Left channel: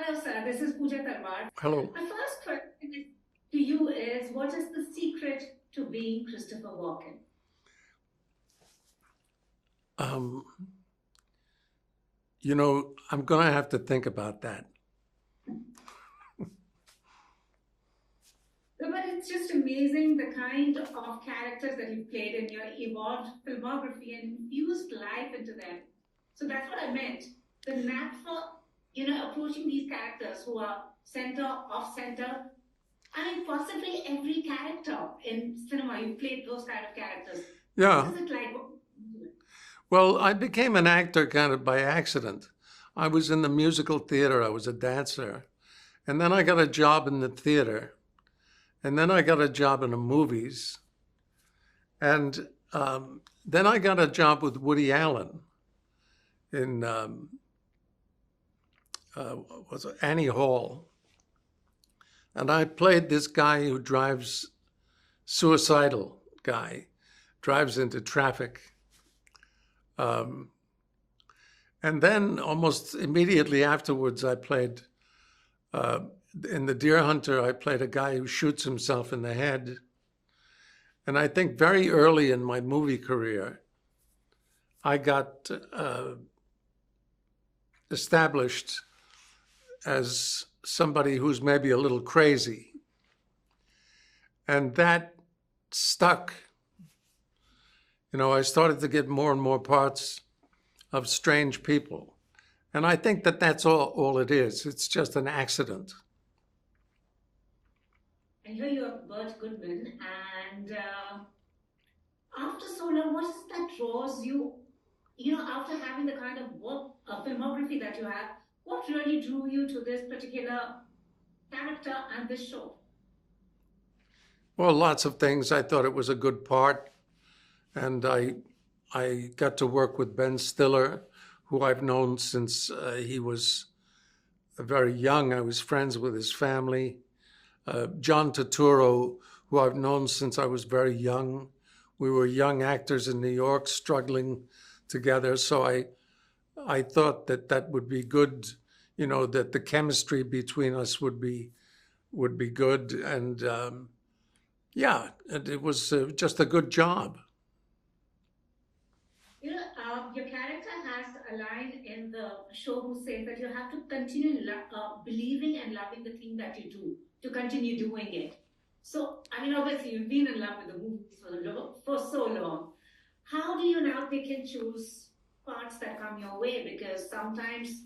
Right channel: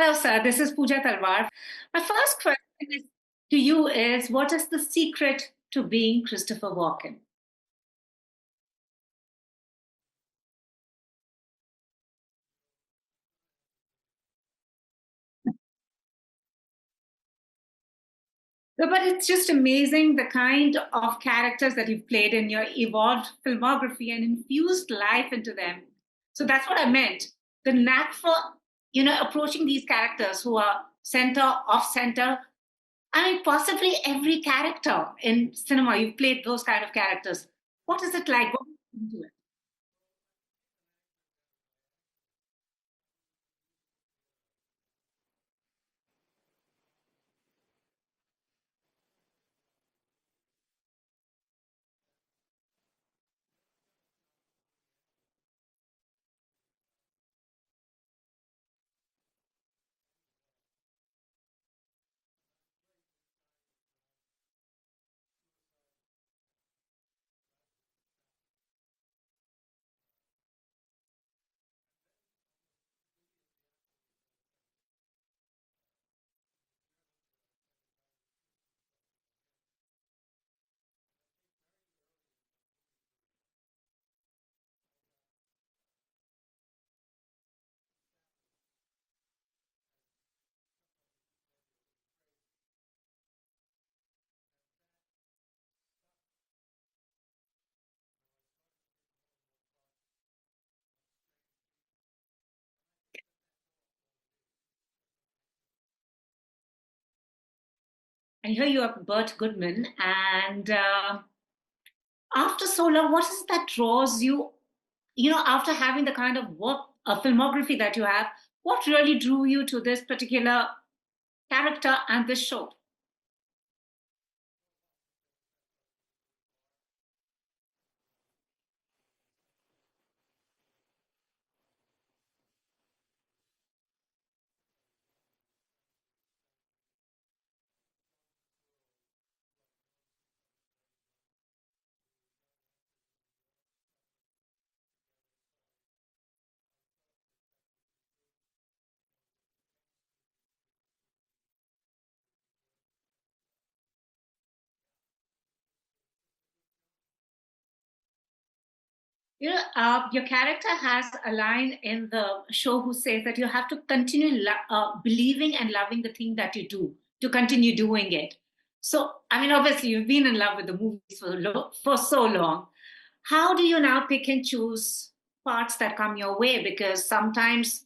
Hello, sir. This is Pooja Talwar. Hello. My first question to you is, what is the secret to being Christopher Walken? Um, I'm going to have to think about that. No, but it's just amazing the kind of characters that you've played in your evolved filmography and infused life into them. So that's what I meant. The knack for, approaching these characters who are center, off center. I mean, possibly every character in cinema, you've played those kind of characters. What Yeah. is it like? What do you do? Well, I became an actor kind of by accident. I was in the musical theater. I was a dancer. And then I got a job in the theater. And then I got a job in the movies. And then I got a job with Woody Allen in was it Annie Hall. And I played this guy who suicidal guy, drives into traffic. And then almost immediately afterwards, I played, in The Deer Hunter, I played a guy who shoots himself in the head. And I think very early in my movie career, I got established as somebody who's maybe a little crazy. And that stuck. I started to get more and more parts of strange people. And I think that that's all it is. It's just an accident. I hear you are Bert Goodman, and after so long, what is that draws you, after having the kind of work, filmography that you have, what really drew you to this particular character and this show? Well, lots of things. I thought it was a good part. And I got to work with Ben Stiller, who I've known since he was very young. I was friends with his family. John Turturro, who I've known since I was very young. We were young actors in New York struggling together. So I thought that would be good, that the chemistry between us would be good. And it was just a good job. Your character has a line in the show who says that you have to continue believing and loving the thing that you do to continue doing it. So, I mean, obviously, you've been in love with the movies for so long. How do you now pick and choose parts that come your way? Because sometimes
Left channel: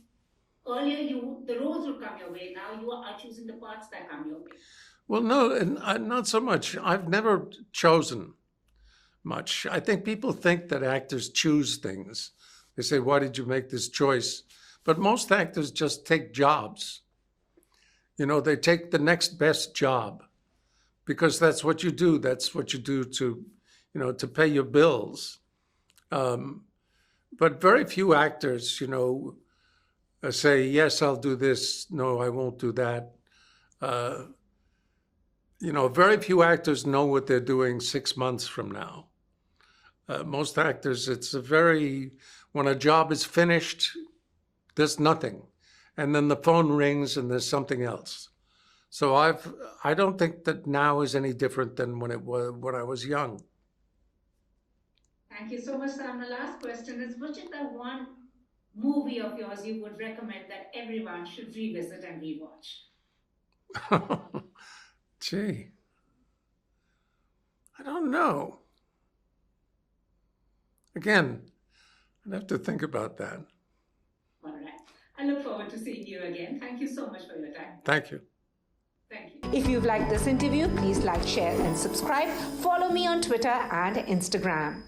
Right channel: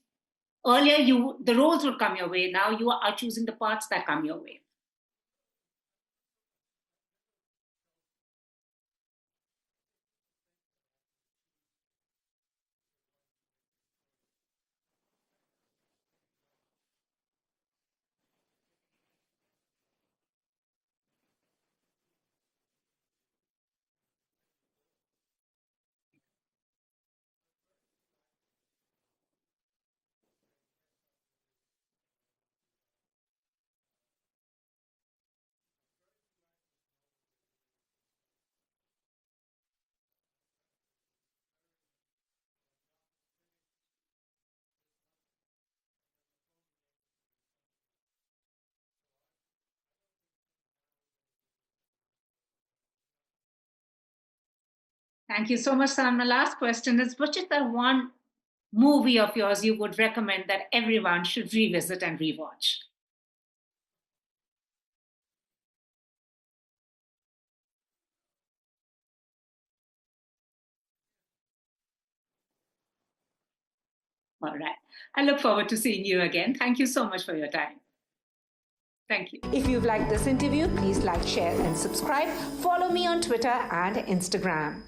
earlier the roles would come your way. Now you are choosing the parts that come your way. Well, no, not so much. I've never chosen much. I think people think that actors choose things. They say, why did you make this choice? But most actors just take jobs. They take the next best job because that's what you do. That's what you do to pay your bills. But very few actors, say, yes, I'll do this. No, I won't do that. Very few actors know what they're doing 6 months from now. Most actors, when a job is finished, there's nothing. And then the phone rings and there's something else. So I don't think that now is any different than when I was young. Thank you so much, sir. My last question is, which is the one movie of yours you would recommend that everyone should revisit and rewatch? Gee, I don't know. Again, I'd have to think about that. All right. I look forward to seeing you again. Thank you so much for your time. Thank you. Thank you. If you've liked this interview, please like, share, and subscribe. Follow me on Twitter and Instagram.